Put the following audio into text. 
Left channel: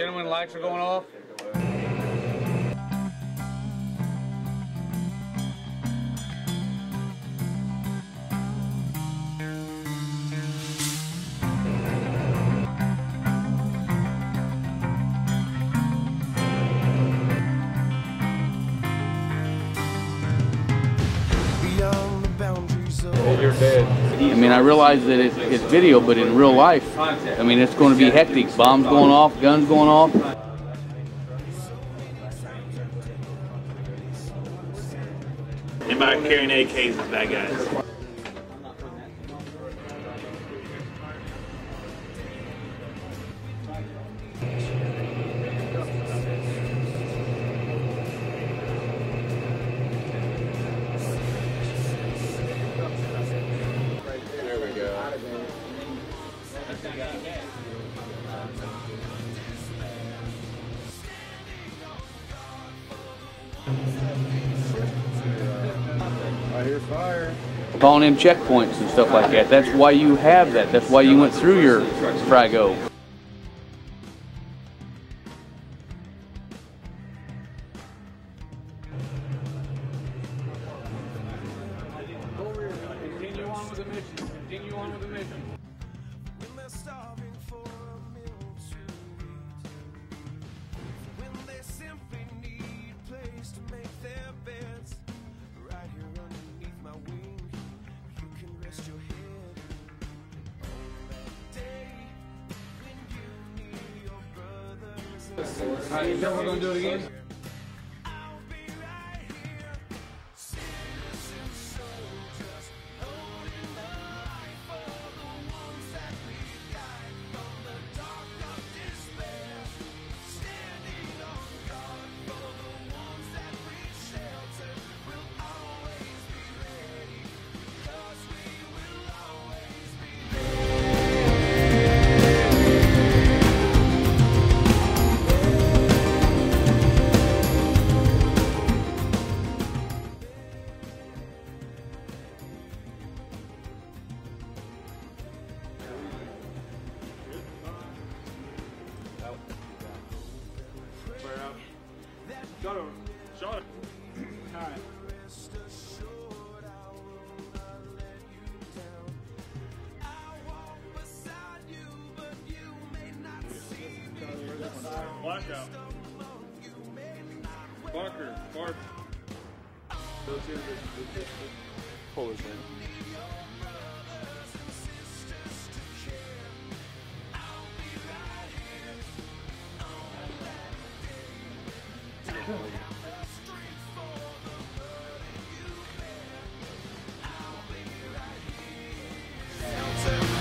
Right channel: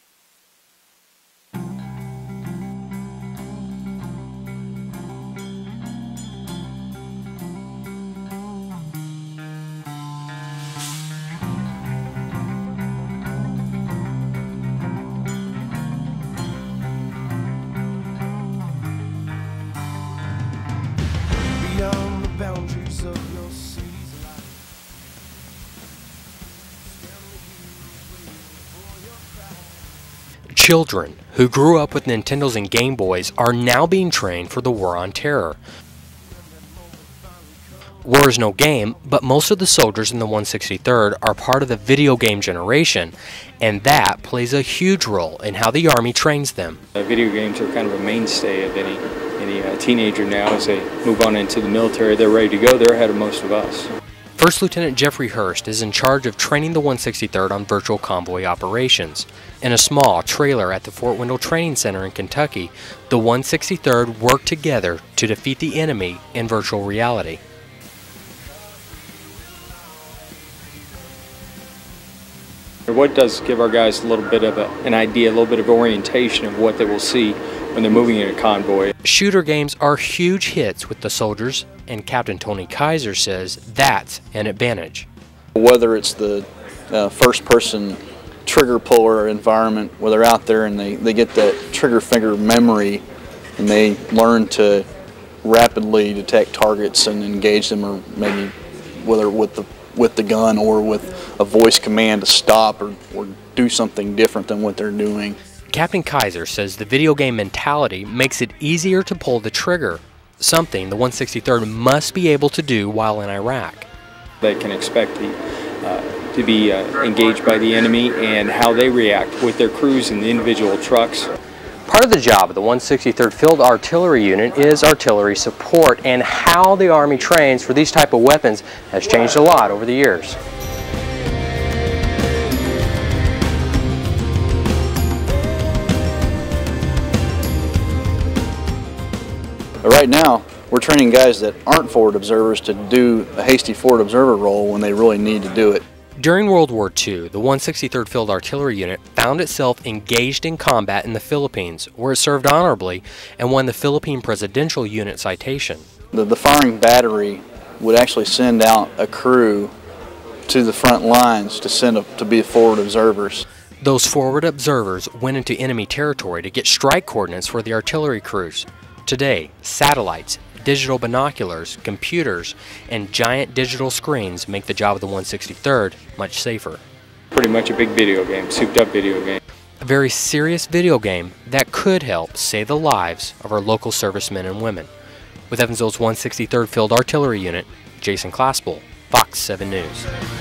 Gentlemen, lights are going off. You're dead. I mean, I realize that it's video, but in real life, I mean, it's going to be hectic. Bombs going off, guns going off. Children who grew up with Nintendos and Game Boys are now being trained for the war on terror. Anybody carrying AKs is bad guys. War is no game, but most of the soldiers in the 163rd are part of the video game generation, and that plays a huge role in how the Army trains them. Video games are kind of a mainstay of any teenager now. As they move on into the military, they're ready to go. They're ahead of most of us. First Lieutenant Jeffrey Hurst is in charge of training the 163rd on virtual convoy operations. In a small trailer at the Fort Wendell Training Center in Kentucky, the 163rd worked together to defeat the enemy in virtual reality. Calling in checkpoints and stuff like that. That's why you have that. That's why you went through your Frago. What does give our guys a little bit of an idea, a little bit of orientation of what they will see when they're moving in a convoy. Shooter games are huge hits with the soldiers, and Captain Tony Kaiser says that's an advantage. Whether it's the first-person trigger puller environment where they're out there and they get that trigger finger memory and they learn to rapidly detect targets and engage them, or maybe whether with the gun or with a voice command to stop or do something different than what they're doing. Captain Kaiser says the video game mentality makes it easier to pull the trigger, something the 163rd must be able to do while in Iraq. They can expect to be engaged by the enemy and how they react with their crews and the individual trucks. Part of the job of the 163rd Field Artillery Unit is artillery support, and how the Army trains for these type of weapons has changed a lot over the years. Right now, we're training guys that aren't forward observers to do a hasty forward observer role when they really need to do it. During World War II, the 163rd Field Artillery Unit found itself engaged in combat in the Philippines, where it served honorably and won the Philippine Presidential Unit Citation. The firing battery would actually send out a crew to the front lines to be forward observers. Those forward observers went into enemy territory to get strike coordinates for the artillery crews. Today, satellites, digital binoculars, computers, and giant digital screens make the job of the 163rd much safer. Pretty much a big video game, souped up video game. A very serious video game that could help save the lives of our local servicemen and women. With Evansville's 163rd Field Artillery Unit, Jason Claspel, Fox 7 News.